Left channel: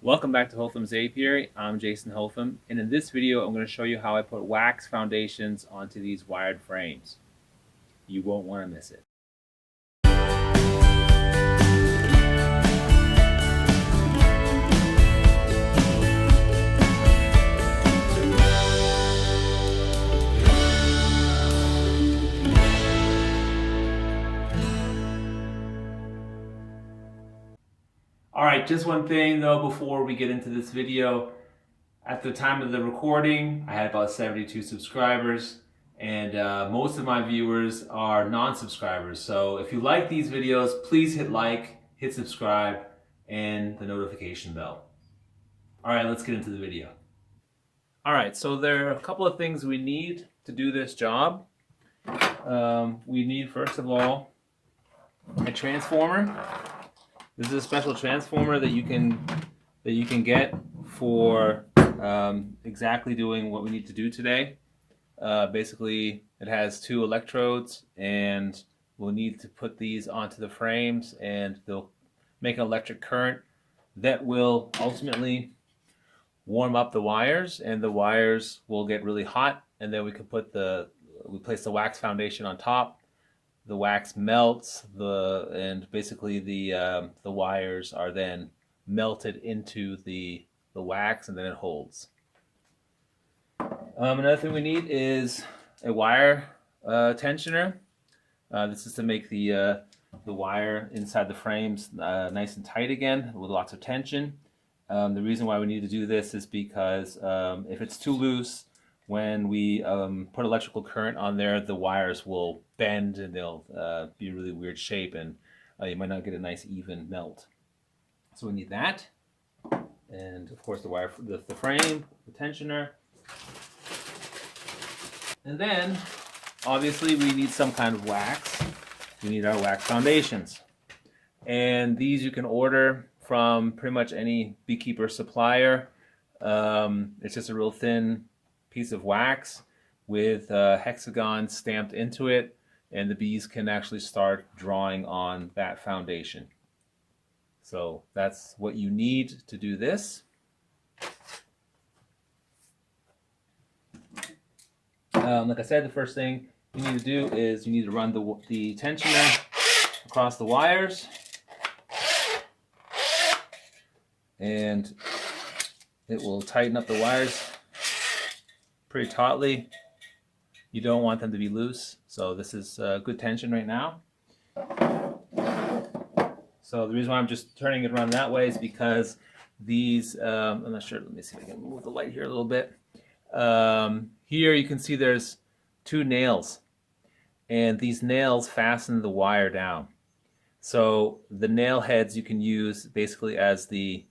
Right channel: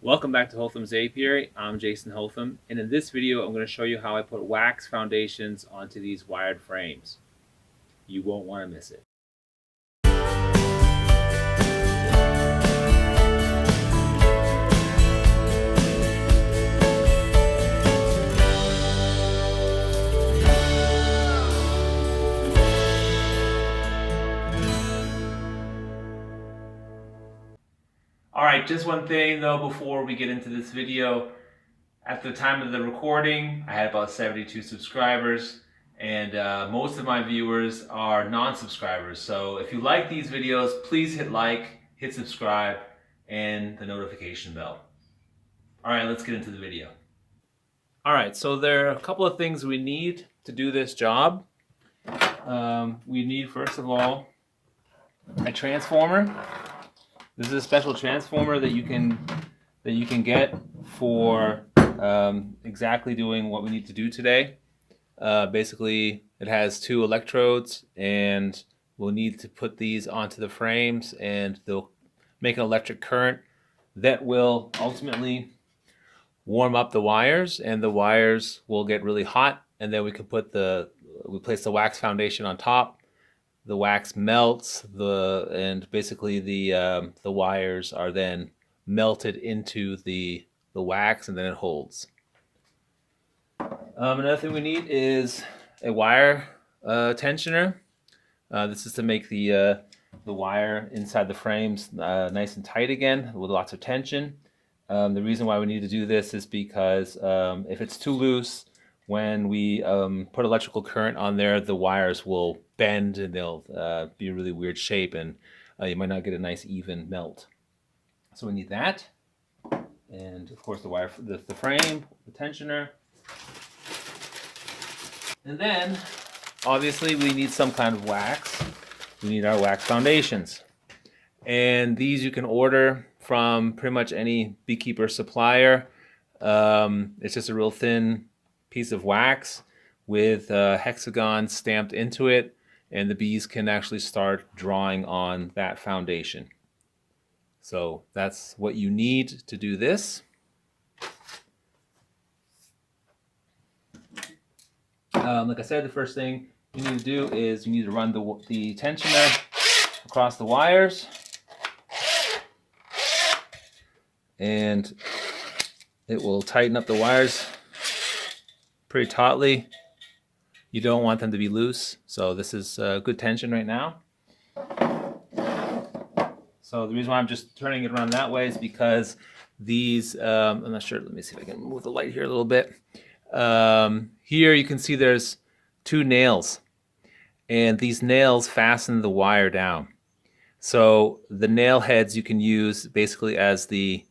Welcome back to Holtham's Apiary. I'm Jason Holtham, and in this video I'm going to show you how I put wax foundations onto these wired frames. You won't want to miss it. Alright, just one thing though before we get into this video. At the time of the recording, I had about 72 subscribers, and most of my viewers are non-subscribers. So if you like these videos, please hit like, hit subscribe, and the notification bell. Alright, let's get into the video. Alright, so there are a couple of things we need to do this job. We need, first of all, a transformer. This is a special transformer that you can get for exactly doing what we need to do today. Basically, it has two electrodes, and we'll need to put these onto the frames, and they'll make an electric current that will ultimately warm up the wires, and the wires will get really hot, and then we can we place the wax foundation on top. The wax melts, and basically the wires are then melted into the wax, and then it holds. Another thing we need is a wire tensioner. This is to make the wire inside the frames nice and tight again with lots of tension. The reason why we need to do this is because if it's too loose, when we put electrical current on there, the wires will bend and they'll be a really weird shape, and you might not get a nice even melt. So we need that, and of course the wire, the frame, the tensioner, and then obviously we need some kind of wax. We need our wax foundations, and these you can order from pretty much any beekeeper supplier. It's just a real thin piece of wax with hexagons stamped into it, and the bees can actually start drawing on that foundation. So that's what you need to do this. Like I said, the first thing you need to do is you need to run the tensioner across the wires, and it will tighten up the wires pretty tautly. You don't want them to be loose, so this is good tension right now. So the reason why I'm just turning it around that way is because these, I'm not sure, let me see if I can move the light here a little bit. Here you can see there's two nails, and these nails fasten the wire down. So the nail heads you can use basically as the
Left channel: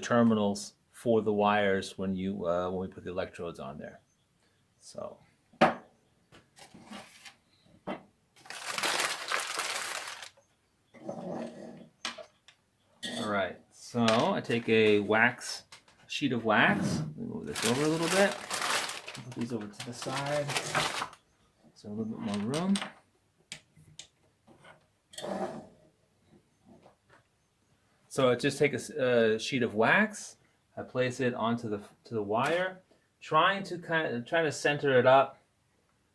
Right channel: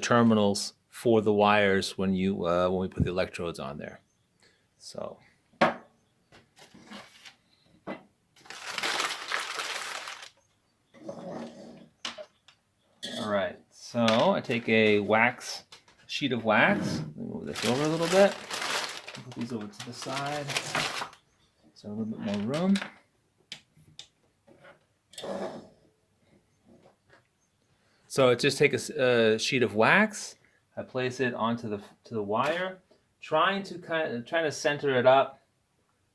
terminals for the wires when we put the electrodes on there. So. All right, so I take a sheet of wax, move this over a little bit, put these over to the side, so a little bit more room. So I just take a sheet of wax, I place it onto the wire, trying to center it up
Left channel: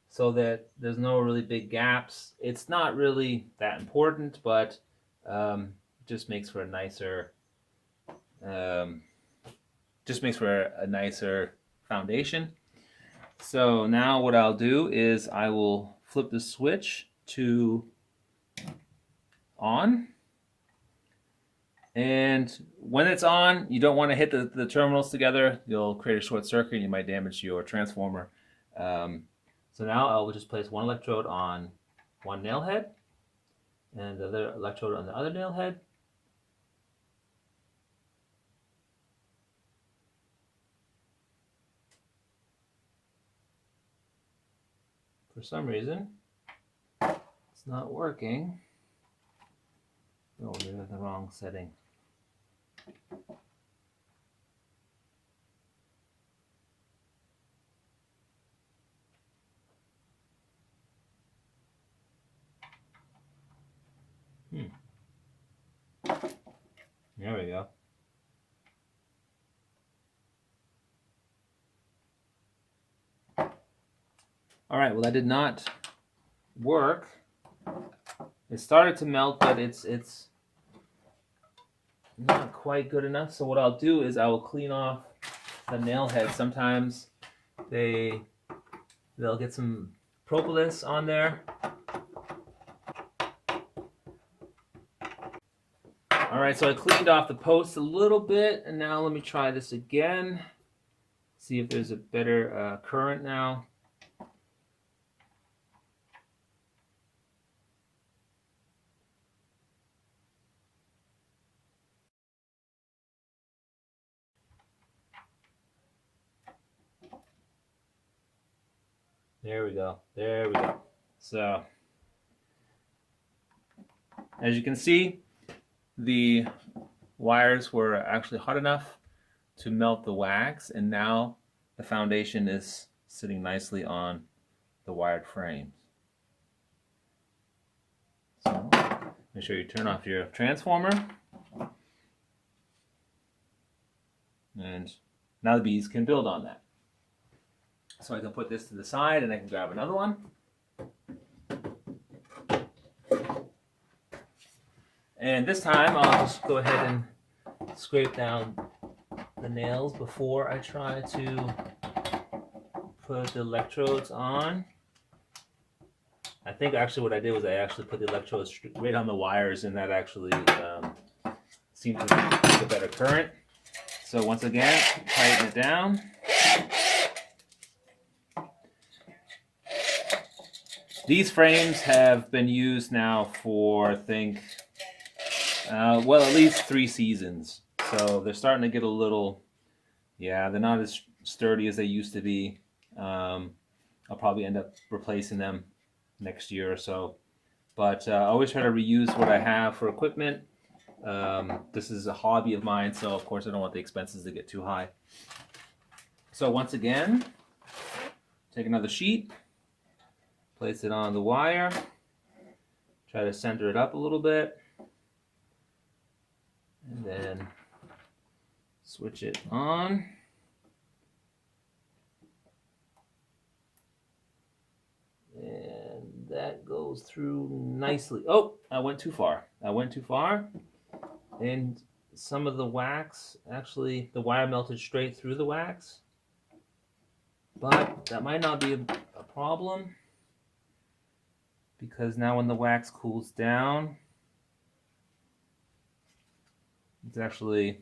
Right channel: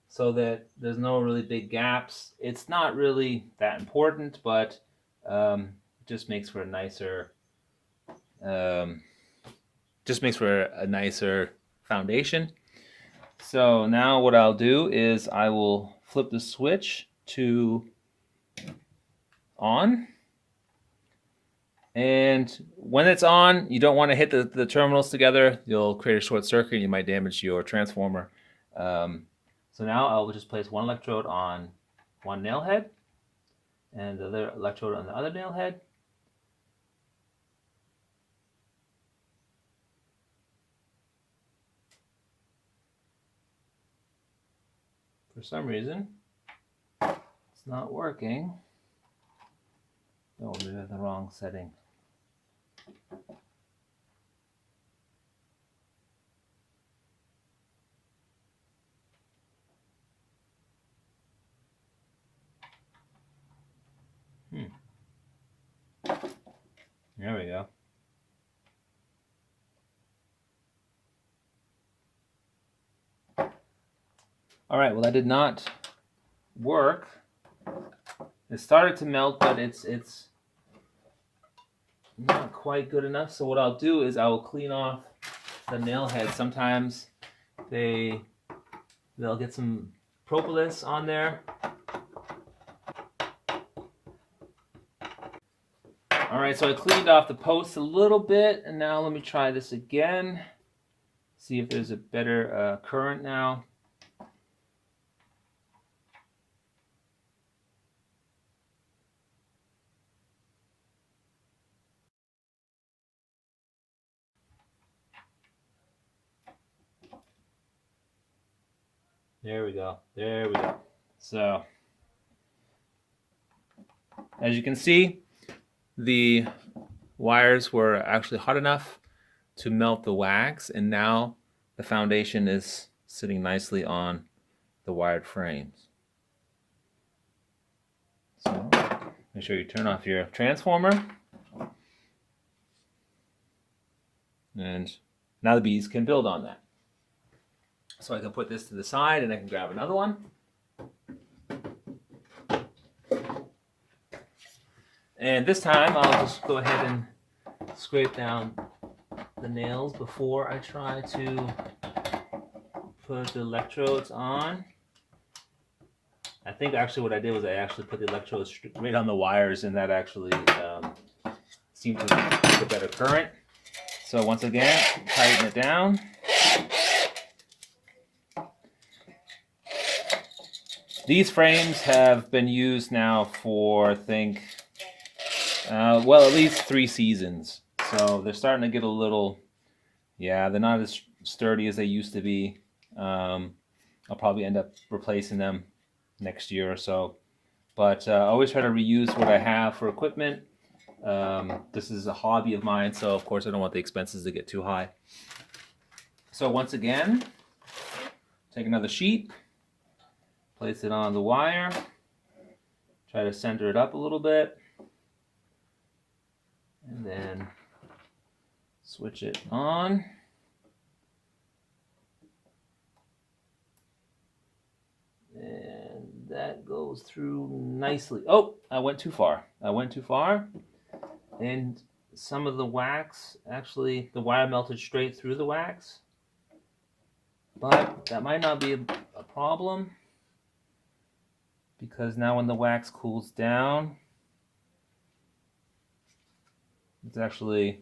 so that there's no really big gaps. It's not really that important, but it just makes for a nicer foundation. So now what I'll do is I will flip the switch to on, and when it's on, you don't want to hit the terminals together. You'll create a short circuit, you might damage your transformer. So now I'll just place one electrode on one nail head and the other electrode on the other nail head. For some reason, it's not working. Oh, maybe I'm in the wrong setting. There we go. All right, well, that did not work. It started to melt, but it's not quite good enough. So what I'll do is I will clean off the nail head. Sometimes they'll get some propolis on there. All right, so I cleaned off the post a little bit, and now let me try this again. See if there's a better current now. There we go. There we go. So, as you can see, the wires were actually hot enough to melt the wax, and now the foundation is sitting nicely on the wired frames. So, make sure you turn off your transformer. And now the bees can build on that. So I can put this to the side and I can grab another one. And this time I'll just go ahead and scrape down the nails before I try to put the electrodes on. I think actually what I did was I actually put the electrodes right on the wires, and that actually seemed to make a better current. So once again, tighten it down. These frames have been used now for, I think, well, at least 3 seasons. So they're starting to get a little, yeah, they're not as sturdy as they used to be. I'll probably end up replacing them next year or so. But I always try to reuse what I have for equipment. This is a hobby of mine, so of course I don't want the expenses to get too high. So once again, take another sheet, place it on the wire, try to center it up a little bit, and then switch it on. And that goes through nicely. Oh, I went too far. And some of the wax, actually, the wire melted straight through the wax. But that might not be a problem, because now when the wax cools down, it's actually,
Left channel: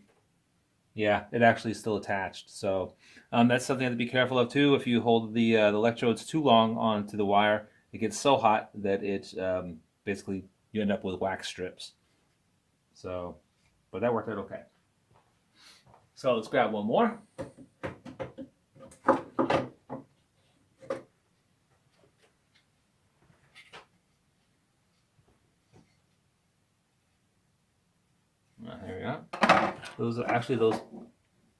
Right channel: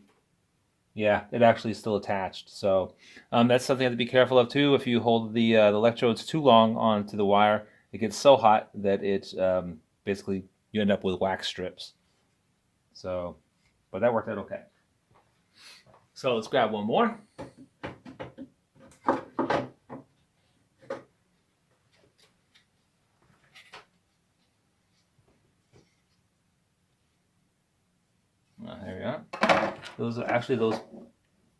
yeah, it actually is still attached. So that's something you have to be careful of too. If you hold the electrodes too long onto the wire, it gets so hot that it basically you end up with wax strips. So, but that worked out okay. So let's grab one more. Here we go. Those are actually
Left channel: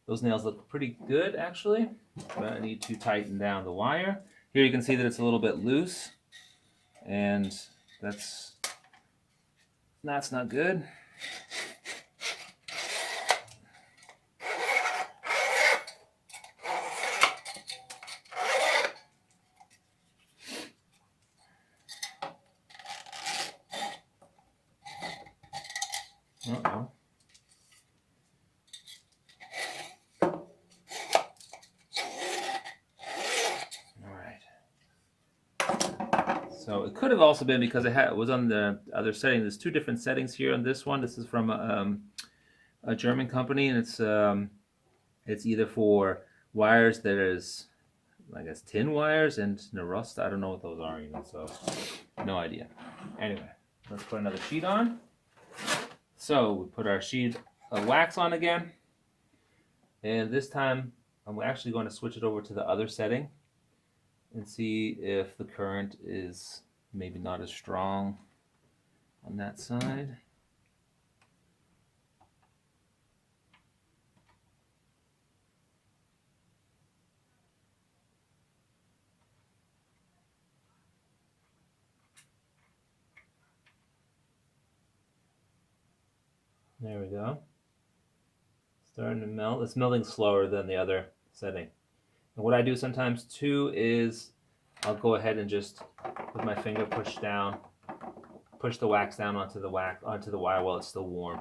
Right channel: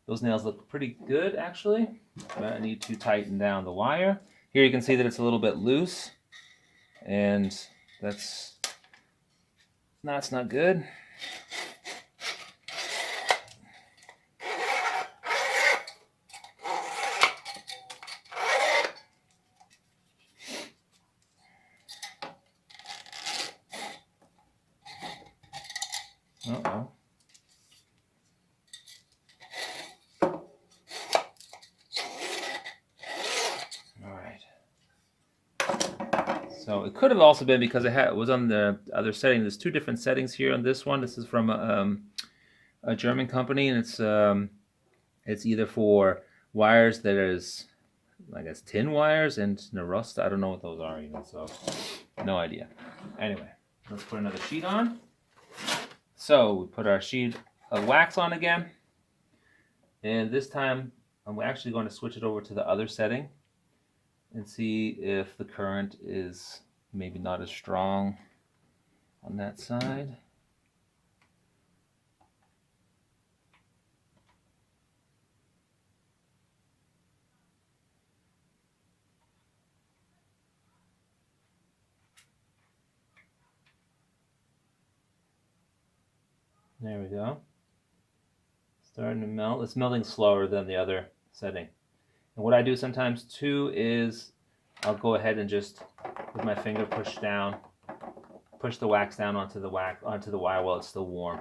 those nails look pretty good actually, but I need to tighten down the wire. Here you can see that it's a little bit loose, and that's not good. Uh-oh. So it could have also been because it was on the other setting. There's 2 different settings here on this one. This is from a German company, and it's either for wires that is, I guess, tin wires and rust. I don't know what those are even, so no idea. Anyway, let's put another sheet on. So we put our sheet of wax on again, and this time I'm actually going to switch it over to the other setting and see if the current is maybe not as strong on that side. There we go. Starting to melt. It's melting slower than the other setting. And what I do sometimes too is I'll go ahead and just with my finger push the wax down onto the wire while it's still warm,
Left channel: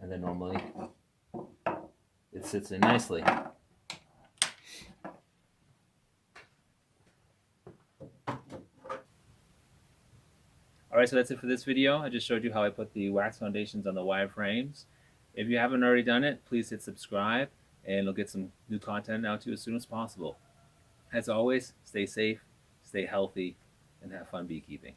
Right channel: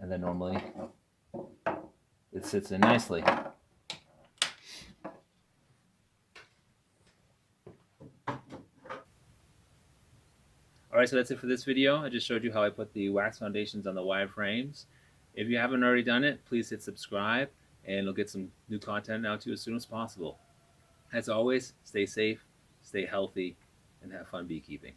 and then normally it sits in nicely. Alright, so that's it for this video. I just showed you how I put the wax foundations on the wire frames. If you haven't already done it, please hit subscribe, and you'll get some new content out to you as soon as possible. As always, stay safe, stay healthy, and have fun beekeeping.